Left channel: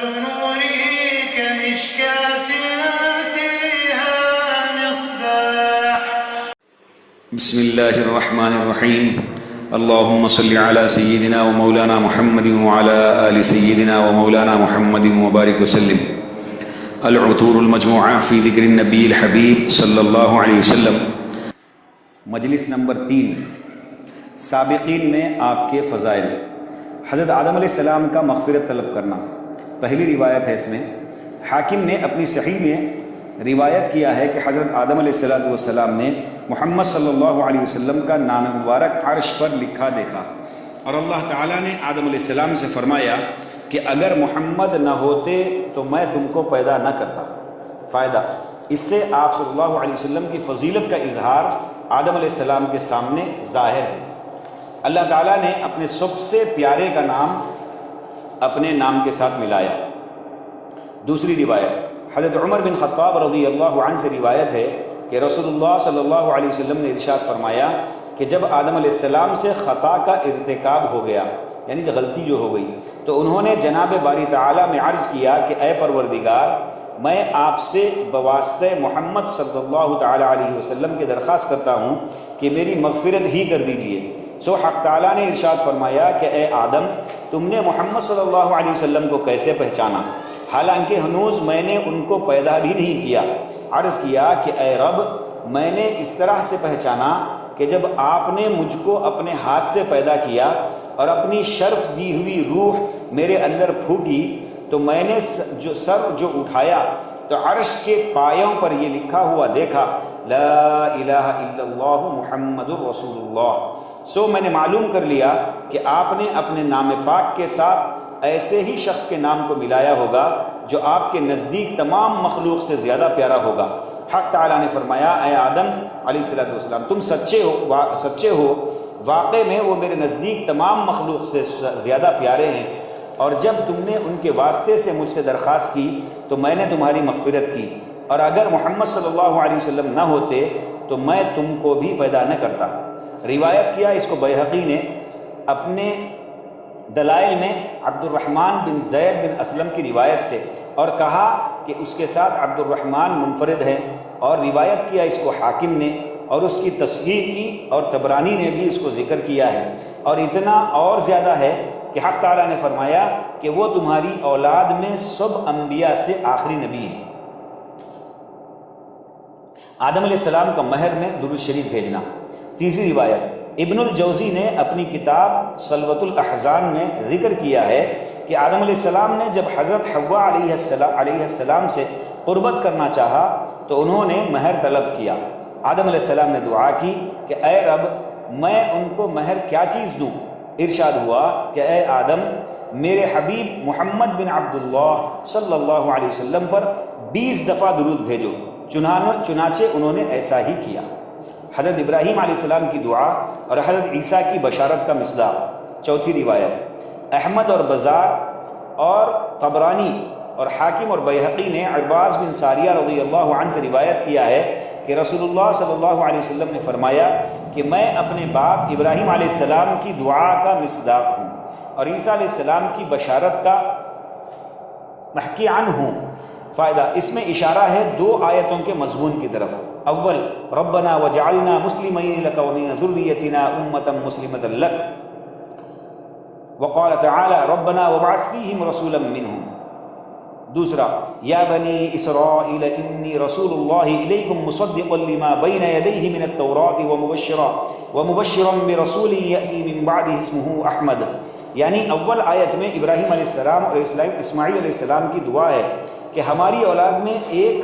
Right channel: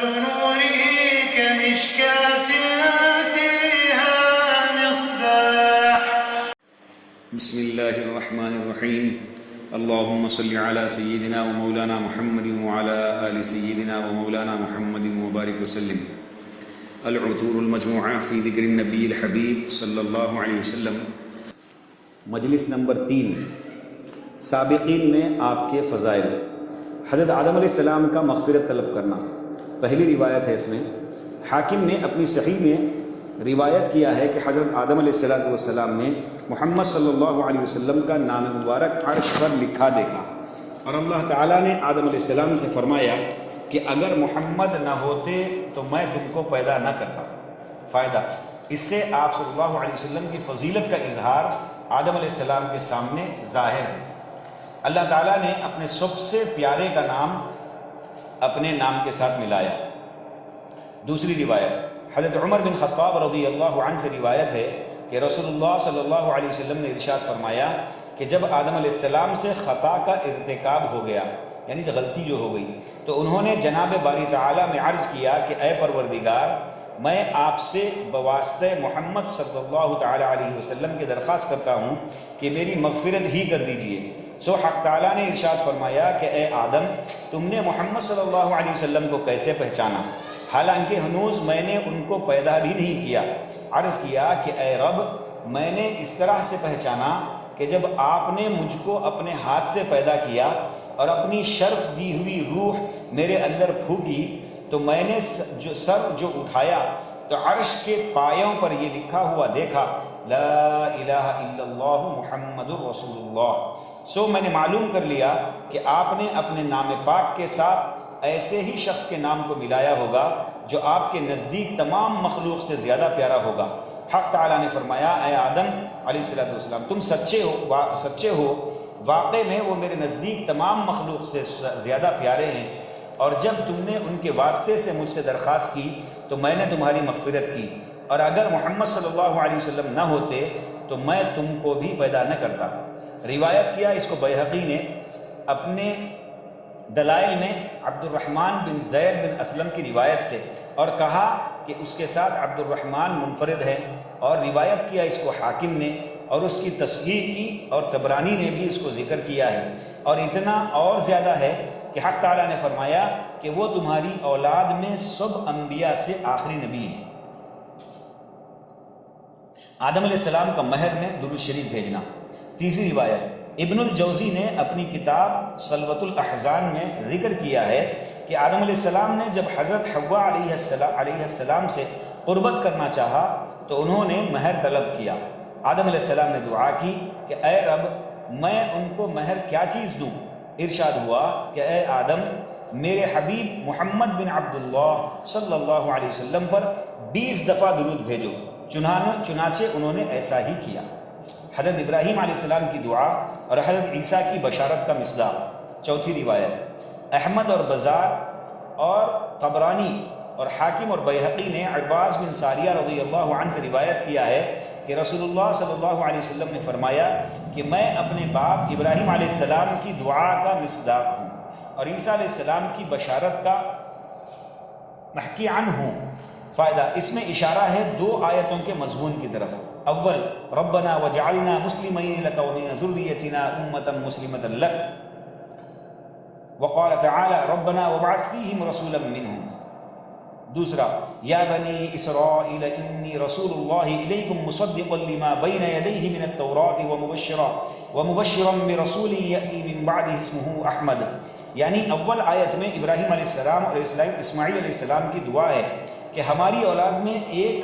مثل نوره كمشكاة فيها مصباح. بسم الله الرحمن الرحيم. اللهم صل على سيدنا ومولانا محمد وعلى آل سيدنا ومولانا محمد وبارك وسلم. العطور المجموعة في ذكر النبي الحبيب صلی اللہ علیہ وسلم. مجلس نمبر 3، سابقین میں آپ کے فضائل. حضرت آدم علیہ السلام کا مغفرت طلب کرنا پہلی روایت ہے. اس میں حاکم نے اپنی صحیح میں روایت کیا ہے کہ حضرت آدم علیہ السلام نے محمد صلی اللہ علیہ وسلم کا نام مبارک عرش پر لکھا دیکھا، اور اللہ تعالیٰ نے آدم علیہ السلام سے فرمایا کہ اگر محمد نہ ہوتے تو میں تم کو پیدا نہ کرتا. فائدہ اس سے آپ صلی اللہ علیہ وسلم کی فضیلت کا اظہار آدم علیہ السلام کے سامنے ظاہر ہے. اللہ تعالیٰ نے اپنے سب سے پیارے کا نام اپنے نام کے ساتھ ملایا. دوسری روایت حضرت عمر بن خطاب رضی اللہ عنہ سے روایت ہے کہ رسول اللہ صلی اللہ علیہ وسلم نے ارشاد فرمایا کہ جب آدم علیہ السلام سے خطا کا ارتکاب ہو گیا، یعنی کہ غلطی جو ہو گئی، تو انہوں نے جناب باری تعالیٰ میں عرض کیا کہ اے پروردگار، میں آپ سے بواسطہ محمد صلی اللہ تعالیٰ علیہ وسلم کی درخواست کرتا ہوں کہ میری مغفرت ہی کر دیجئے. سو حق تعالیٰ نے ارشاد فرمایا کہ اے آدم، تم نے محمد صلی اللہ علیہ وسلم کو کیسے پہچانا حالانکہ ہنوز میں نے ان کو پیدا بھی نہیں کیا؟ عرض کیا کہ اے رب، میں نے اس طرح سے پہچانا کہ جب آپ نے مجھ کو اپنے ہاتھ سے پیدا کیا اور اپنی شرف دی ہوئی روح میرے اندر پھونکی تو میں نے سر اٹھایا تو عرش کے پایوں پر یہ لکھا ہوا دیکھا، لا الہ الا اللہ محمد رسول اللہ. سو میں نے معلوم کر لیا کہ آپ نے اپنے نام پاک کے ساتھ ایسے ہی شخص کے نام کو ملایا ہوگا جو آپ کے نزدیک تمام مخلوق سے زیادہ پیارا ہوگا. حق تعالیٰ نے فرمایا اے آدم علیہ السلام، تم سچے ہو، واقع میں وہ میرے نزدیک تمام مخلوق سے زیادہ پیارے ہیں، اور جب تم نے ان کے واسطے سے مجھ سے درخواست کی تو میں نے تمہاری مغفرت کی، اور اگر محمد صلی اللہ علیہ وسلم نہ ہوتے تو میں تم کو بھی پیدا نہ کرتا. روایت کیا اس کو بیہقی نے اپنے دلائل میں عبد الرحمن بن زید بن اسلم کی روایت سے، اور کہا کہ اس کے ساتھ عبد الرحمن منفرد ہے. اور روایت کیا اس کو حاکم نے، اور اس کی تصحیح کی، اور طبرانی نے بھی اس کو ذکر کیا ہے. اور اتنا اور زیادہ ہے کہ حق تعالیٰ نے فرمایا کہ وہ تمہاری اولاد میں سب انبیاء سے آخری نبی ہیں. آدم علیہ السلام کا مہر میں درود شریف بھیجنا. تیسری روایت ابن الجوزی نے اپنی کتاب صلوۃ الاحزان میں ذکر کیا ہے کہ آدم علیہ السلام نے جب حضرت حوا علیہ السلام سے قربت کرنا چاہا تو انہوں نے مہر طلب کیا. آدم علیہ السلام نے دعا کی کہ اے رب، میں ان کو مہر کیا چیز دوں؟ ارشاد ہوا کہ اے آدم، میرے حبیب محمد بن عبداللہ صلی اللہ علیہ وسلم پر 20 دفعہ درود بھیجو. چنانچہ انہوں نے ایسا ہی کیا. حضرت ابراہیم علیہ السلام کی دعا اور حضرت عیسیٰ کی بشارت کا مصداق. چوتھی روایت احمد اور بزار اور طبرانی اور حاکم اور بیہقی نے عباس بن ساریہ رضی اللہ عنہ سے روایت کیا ہے کہ رسول اللہ صلی اللہ علیہ وسلم نے فرمایا کہ میں اپنے باپ ابراہیم علیہ السلام کی دعا کا مصداق ہوں اور عیسیٰ علیہ السلام کی بشارت کا محکی عنہ ہوں. فائدہ اس میں اشارہ ہے 2 آیتوں کے مضمون کی طرف. اول، ربنا وجعلنا مسلمین لک ومن ذریتنا امۃ مسلمۃ لک، وقال تعالی ربنا وابعث فیہم رسولا منہم. دوسرا، یا بنی اسرائیل انی رسول اللہ الیکم مصدقا لما بین یدیہ من التوراۃ ومبشرا برسول یأتی من بعدہ اسمہ احمد. یعنی اول آیت میں ابراہیم علیہ السلام اور اسماعیل علیہ السلام کی دعا ہے کہ ہماری اولاد میں ایک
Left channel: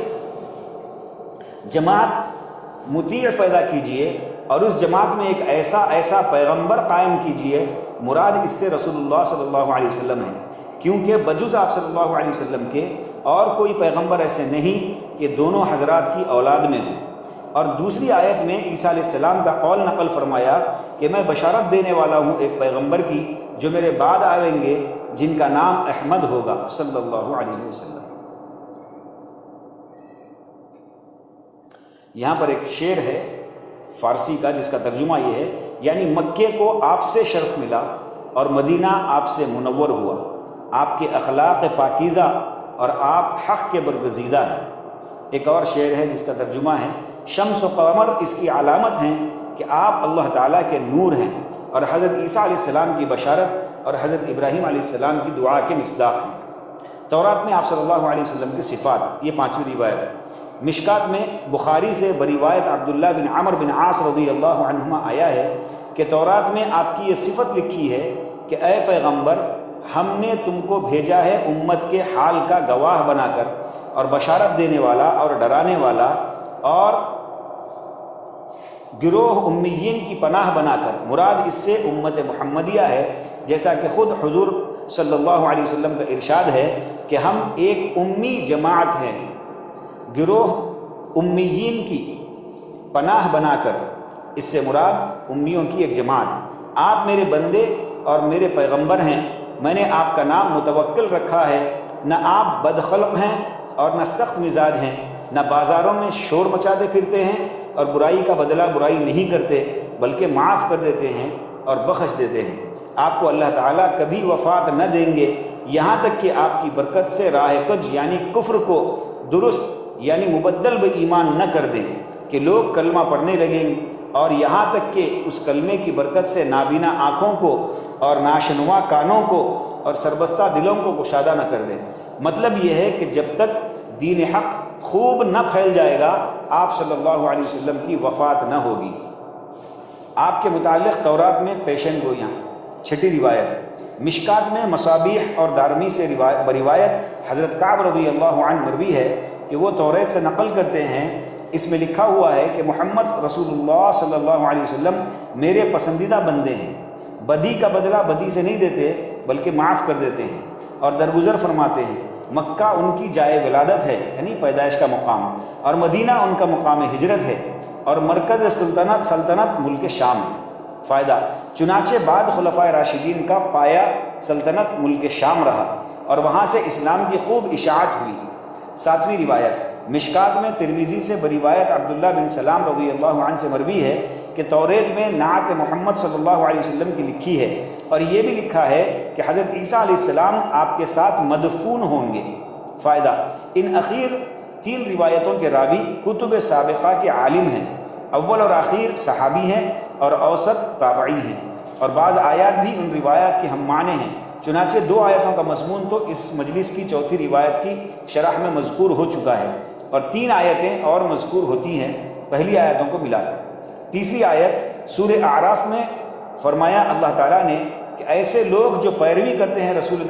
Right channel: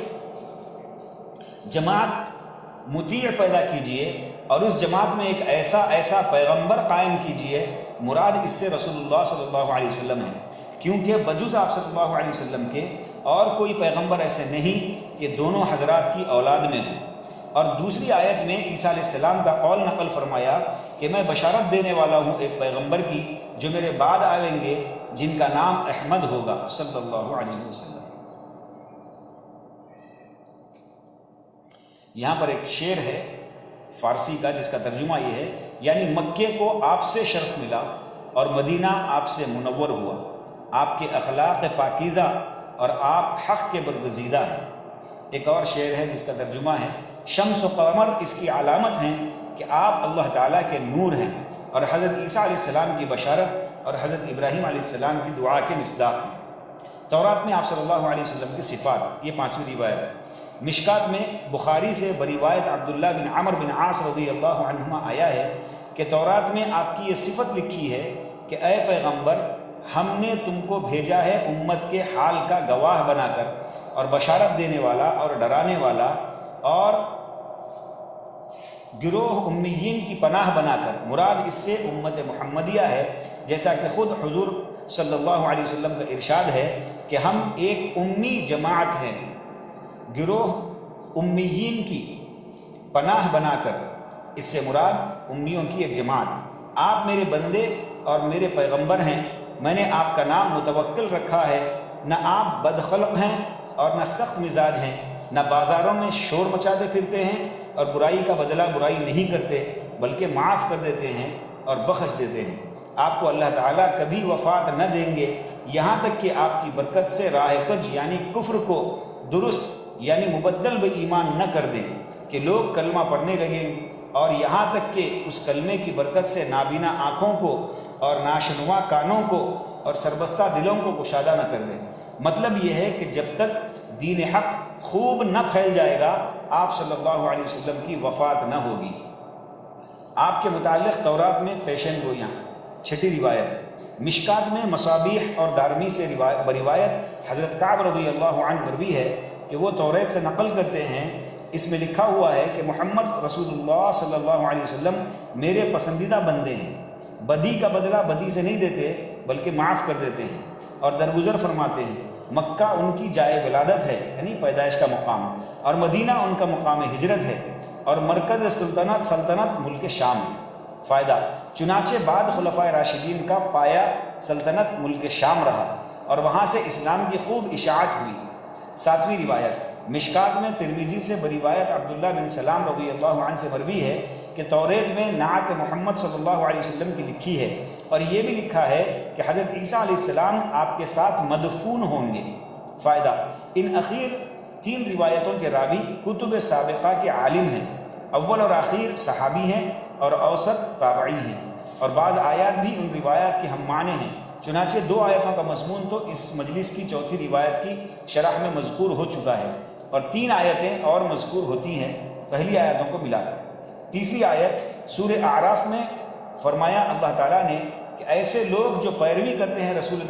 جماعت مطیع پیدا کیجئے اور اس جماعت میں ایک ایسا پیغمبر قائم کیجئے. مراد اس سے رسول اللہ صلی اللہ علیہ وسلم ہے، کیونکہ بجز آپ صلی اللہ علیہ وسلم کے اور کوئی پیغمبر ایسے نہیں کہ دونوں حضرات کی اولاد میں ہوں. اور دوسری آیت میں عیسیٰ علیہ السلام کا قول نقل فرمایا کہ میں بشارت دینے والا ہوں ایک پیغمبر کی جو میرے بعد آئیں گے جن کا نام احمد ہوگا صلی اللہ علیہ وسلم. یہاں پر ایک شعر ہے فارسی کا جس کا ترجمہ یہ ہے، یعنی مکے کو آپ سے شرف ملا اور مدینہ آپ سے منور ہوا، آپ کے اخلاق پاکیزہ اور آپ حق کے برگزیدہ ہیں۔ ایک اور شعر ہے جس کا ترجمہ ہے، شمس و قمر اس کی علامت ہیں کہ آپ اللہ تعالیٰ کے نور ہیں، اور حضرت عیسیٰ علیہ السلام کی بشارت اور حضرت ابراہیم علیہ السلام کی دعا کے مصداق ہیں۔ تورات میں آپ صلی اللہ علیہ وسلم کی صفات، یہ 5ویں روایت ہے۔ مشکات میں بخاری سے بروایت عبداللہ بن عمر بن عاص رضی اللہ عنہما آیا ہے کہ تورات میں آپ کی یہ صفت لکھی ہے کہ اے پیغمبر، ہم نے تم کو بھیجا ہے امت کے حال کا گواہ بنا کر، اور بشارت دینے والا اور ڈرانے والا، اور گروہ امیین کی پناہ بنا کر۔ مراد اس سے امت محمدیہ ہے، جیسا کہ خود حضور صلی اللہ علیہ وسلم کا ارشاد ہے کہ ہم ایک امی جماعت ہیں، گروہ امیین کی پناہ بنا کر، اس سے مراد امیوں کی ایک جماعت۔ آپ میرے بندے اور میرے پیغمبر ہیں، میں نے آپ کا نام متوکل رکھا ہے۔ نہ آپ بدخلق ہیں اور نہ سخت مزاج ہیں، نہ بازاروں میں شور مچاتے پھرتے ہیں اور برائی کا بدلہ برائی نہیں کرتے، بلکہ معاف کر دیتے ہیں اور بخش دیتے ہیں۔ آپ کو اللہ تعالیٰ کبھی وفات نہ دیں گے یہاں تک کہ آپ کی برکت سے راہ کج یعنی کفر کو درست یعنی مبدل بے ایمان نہ کر دیں کہ لوگ کلمہ پڑھنے لگیں، اور یہاں تک کہ اس کلمے کی برکت سے نابینا آنکھوں کو اور ناشنوا کانوں کو اور سربستہ دلوں کو گشادہ نہ کر دیں۔ مطلب یہ ہے کہ جب تک دین حق خوب نہ پھیل جائے گا، آپ صلی اللہ علیہ وسلم کی وفات نہ ہوگی۔ آپ کے متعلق تورات میں پیشن گوئیاں۔ 6 روایت مشکات میں مصابیح اور دارمی سے بروایت حضرت کعب رضی اللہ عنہ مروی ہے کہ وہ توریت سے نقل کرتے ہیں، اس میں لکھا ہوا ہے کہ محمد رسول اللہ صلی اللہ علیہ وسلم میرے پسندیدہ بندے ہیں، بدی کا بدلہ بدی سے نہیں دیتے بلکہ معاف کر دیتے ہیں اور درگزر فرماتے ہیں۔ مکہ ان کی جائے ولادت ہے یعنی پیدائش کا مقام، اور مدینہ ان کا مقام ہجرت ہے، اور مرکز سلطنت ملک شام ہے۔ فائدہ، چنانچہ بعد خلفائے راشدین کا پایا سلطنت ملک شام رہا، اور وہاں سے اسلام کی خوب اشاعت ہوئی۔ 7ویں روایت مشکات میں ترمذی سے بروایت عبداللہ بن سلام رضی اللہ عنہ سے مروی ہے کہ توریت میں نعت محمد صلی اللہ علیہ وسلم کی لکھی ہے، اور یہ بھی لکھا ہے کہ حضرت عیسیٰ علیہ السلام آپ کے ساتھ مدفون ہوں گے۔ فائدہ، ان اخیر 3 روایتوں کے راوی کتب سابقہ کے عالم ہیں، اول اور آخر صحابی ہیں اور اوسط تابعی ہیں، اور بعض آیات بھی ان روایات کے ہم معنی ہیں۔ چنانچہ 2 آیتوں کا مضمون تو اس مجلس کی 4تھی روایت کی شرح میں مذکور ہو چکا ہے، اور 3 آیتیں اور مذکور ہوتی ہیں پہلی آیتوں کو ملا کر۔ تیسری آیت سورہ اعراف میں فرمایا اللہ تعالیٰ نے کہ ایسے لوگ جو پیروی کرتے ہیں رسول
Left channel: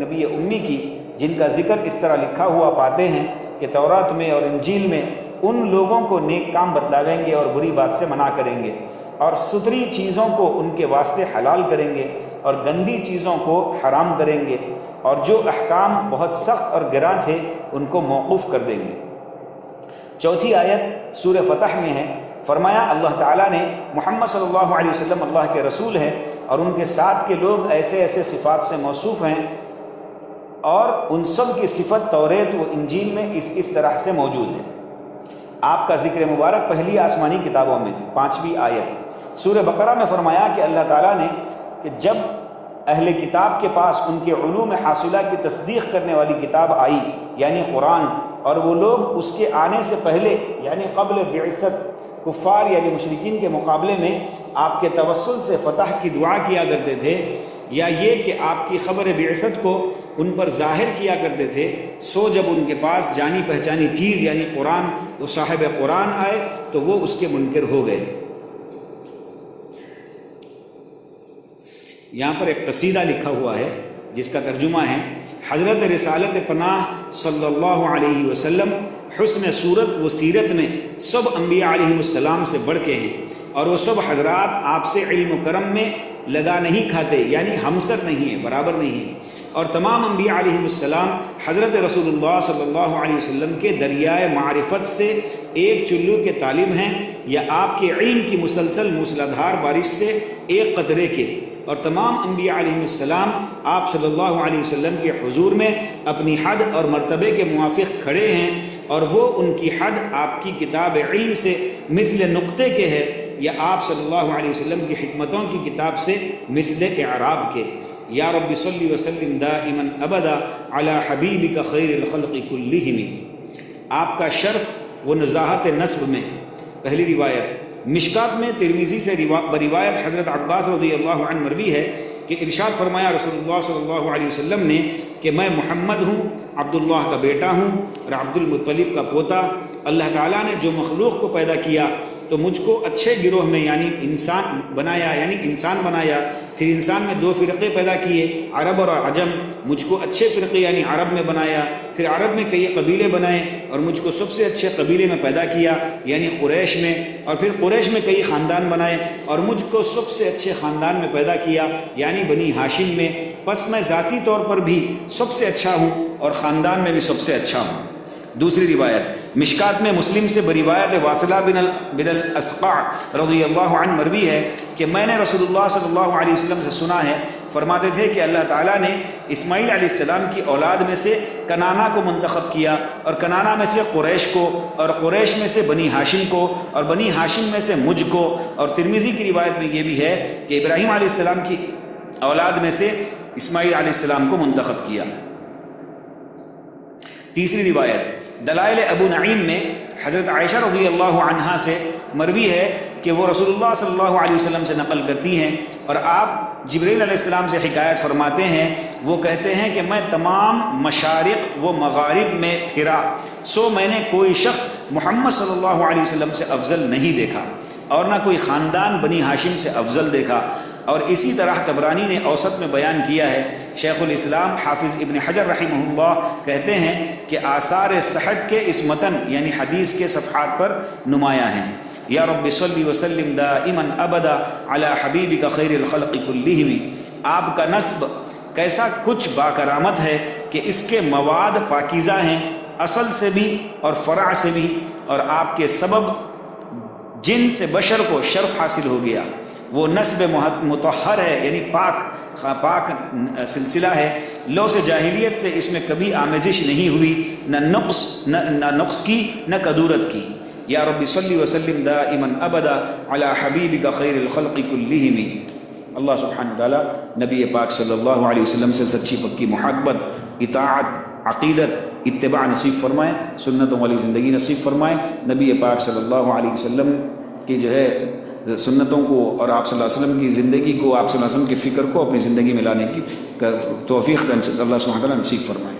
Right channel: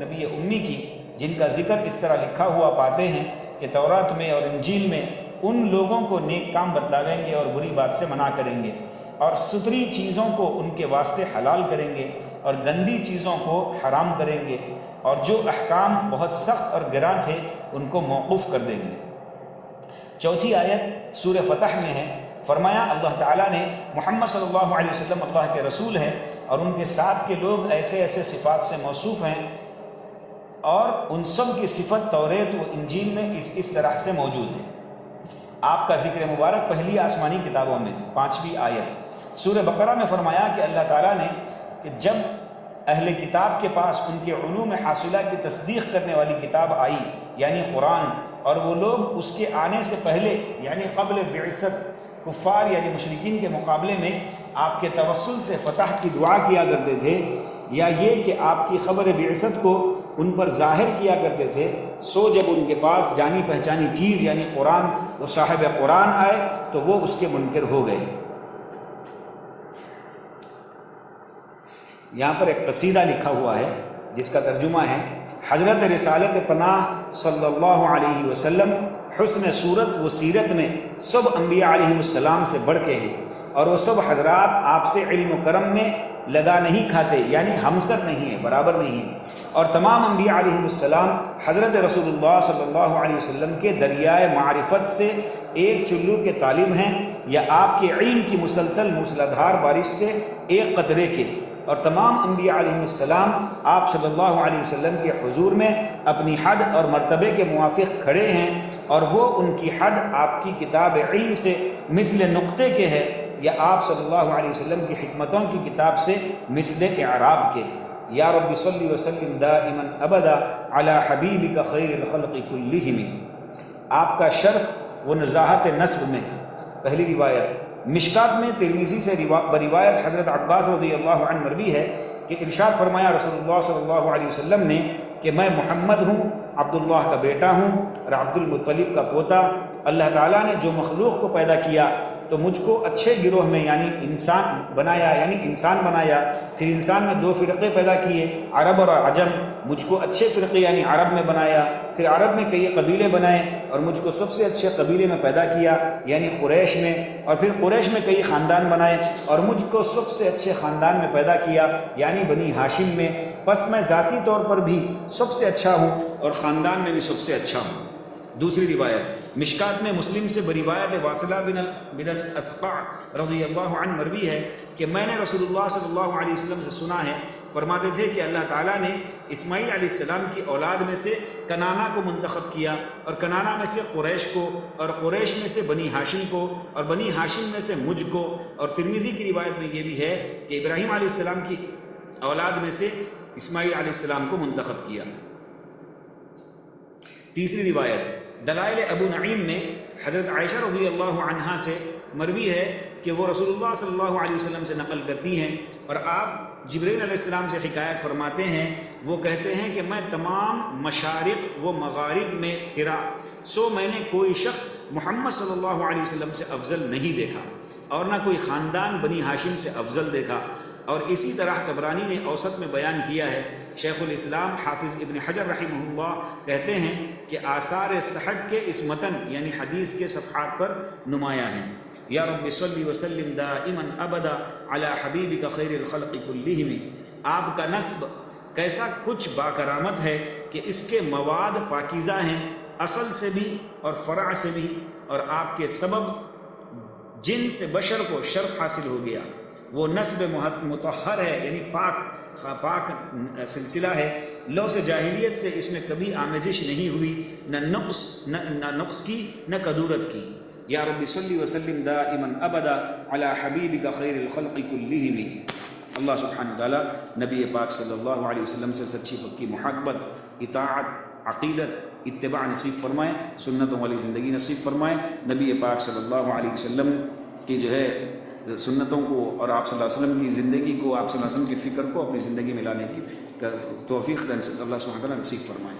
نبی امی کی، جن کا ذکر اس طرح لکھا ہوا پاتے ہیں کہ تورات میں اور انجیل میں، ان لوگوں کو نیک کام بتلاویں گے اور بری بات سے منع کریں گے، اور ستھری چیزوں کو ان کے واسطے حلال کریں گے اور گندی چیزوں کو حرام کریں گے، اور جو احکام بہت سخت اور گراں تھے ان کو موقوف کر دیں گے۔ 4تھی آیت سورہ فتح میں ہے، فرمایا اللہ تعالیٰ نے محمد صلی اللہ علیہ وسلم اللہ کے رسول ہیں، اور ان کے ساتھ کے لوگ ایسے ایسے صفات سے موصوف ہیں، اور ان سب کی صفت توریت و انجیل میں اس طرح سے موجود ہے۔ آپ کا ذکر مبارک پہلی آسمانی کتابوں میں 5ویں آیت سورہ بقرہ میں فرمایا کہ اللہ تعالیٰ نے کہ جب اہل کتاب کے پاس ان کے علوم حاصلہ کی تصدیق کرنے والی کتاب آئی یعنی قرآن، اور وہ لوگ اس کے آنے سے پہلے یعنی قبل بعثت کفار یعنی مشرکین کے مقابلے میں آپ کے توسل سے فتح کی دعا کیا کرتے تھے، یا یہ کہ آپ کی خبر بعثت کو ان پر ظاہر کیا کرتے تھے، سو جب ان کے پاس جانی پہچانی چیز یعنی قرآن و صاحب قرآن آئے تو وہ اس کے منکر ہو گئے۔ یہاں پر ایک قصیدہ لکھا ہوا ہے جس کا ترجمہ ہے، حضرت رسالت پناہ صلی اللہ علیہ وسلم حسن صورت و سیرت میں سب انبیاء علیہ السلام سے بڑھ کے ہیں، اور وہ سب حضرات آپ سے علم و کرم میں لگا نہیں کھاتے یعنی ہمسر نہیں ہیں، برابر نہیں ہیں، اور تمام انبیاء علیہ السلام حضرت رسول اللہ صلی اللہ علیہ وسلم کے دریائے معرفت سے ایک چلو کے طالب ہیں، یا آپ کے علم کی مسلسل موسلادھار بارش سے ایک قطرے کے، اور تمام انبیاء علیہ السلام آپ صلی اللہ علیہ وسلم کے حضور میں اپنی حد اور مرتبے کے موافق کھڑے ہیں، اور وہ ان کی حد آپ کی کتاب علم سے مثل نقطے کے ہے، یا آپ صلی اللہ علیہ وسلم کی حکمتوں کی کتاب سے مثل اعراب کے۔ یا رب صلی وسلم دائما ابدا علی حبیبک خیر الخلق کلہم۔ آپ کا شرف و نزاہت نسب میں، پہلی روایت مشکات میں ترمذی سے بروایت حضرت عباس رضی اللہ عنہ مروی ہے کہ ارشاد فرمایا رسول اللہ صلی اللہ علیہ وسلم نے کہ میں محمد ہوں، عبداللہ کا بیٹا ہوں اور عبد المطلب کا پوتا۔ اللہ تعالیٰ نے جو مخلوق کو پیدا کیا تو مجھ کو اچھے گروہ میں یعنی انسان بنایا، پھر انسان میں دو فرقے پیدا کیے، عرب اور عجم۔ مجھ کو اچھے فرقے یعنی عرب میں بنایا، پھر عرب میں کئی قبیلے بنائے اور مجھ کو سب سے اچھے قبیلے میں پیدا کیا یعنی قریش میں، اور پھر قریش میں کئی خاندان بنائے اور مجھ کو سب سے اچھے خاندان میں پیدا کیا یعنی بنی ہاشم میں۔ پس میں ذاتی طور پر بھی سب سے اچھا ہوں اور خاندان میں بھی سب سے اچھا ہوں۔ دوسری روایت مشکات میں مسلم سے بروایت واصلہ بن الاسقع رضی اللہ عنہ مروی ہے کہ میں نے رسول اللہ صلی اللہ علیہ وسلم سے سنا ہے، فرماتے تھے کہ اللہ تعالیٰ نے اسماعیل علیہ السلام کی اولاد میں سے کنانہ کو منتخب کیا، اور کنانہ میں سے قریش کو، اور قریش میں سے بنی ہاشم کو، اور بنی ہاشم میں سے مجھ کو۔ اور ترمذی کی روایت میں یہ بھی ہے کہ ابراہیم علیہ السلام کی اولاد میں سے اسماعیل علیہ السلام کو منتخب کیا۔ تیسری روایت دلائل ابو نعیم میں حضرت عائشہ رضی اللہ عنہا سے مروی ہے کہ وہ رسول اللہ صلی اللہ علیہ وسلم سے نقل کرتی ہیں، اور آپ جبریل علیہ السلام سے حکایت فرماتے ہیں، وہ کہتے ہیں کہ میں تمام مشارق و مغارب میں پھرا، سو میں نے کوئی شخص محمد صلی اللہ علیہ وسلم سے افضل نہیں دیکھا اور نہ کوئی خاندان بنی ہاشم سے افضل دیکھا۔ اور اسی طرح طبرانی نے اوسط میں بیان کیا ہے۔ شیخ الاسلام حافظ ابن حجر رحمہ اللہ کہتے ہیں کہ آثار صحت کے اس متن یعنی حدیث کے صفحات پر نمایاں ہیں۔ یا رب صلی وسلم دائما ابدا علی حبیبک خیر الخلق کلہم۔ آپ کا نسب کیسا کچھ باکرامت ہے کہ اس کے مواد پاکیزہ ہیں، اصل سے بھی اور فرع سے بھی، اور آپ کے سبب جن سے بشر کو شرف حاصل ہو گیا۔ وہ نسب مطہر ہے یعنی پاک سلسلہ ہے، لو سے جاہلیت سے اس میں کبھی آمیزش نہیں ہوئی، نہ نقص کی نہ کدورت کی۔ یا رب صلی وسلم دائما ابدا علی حبیبک خیر الخلق کلہم۔ اللہ سبحانہ وتعالیٰ نبی پاک صلی اللہ علیہ وسلم سے سچی پکی محبت، اطاعت، عقیدت، اتباع نصیب فرمائے، سنتوں والی زندگی نصیب فرمائے۔ نبی پاک صلی اللہ علیہ وسلم کی جو ہے سنتوں کو اور آپ صلی اللہ علیہ وسلم کی زندگی کو، آپ صلی اللہ علیہ وسلم کی فکر کو اپنی زندگی میں لانے کی توفیق اللہ سبحانہ وتعالیٰ نصیب فرمائے۔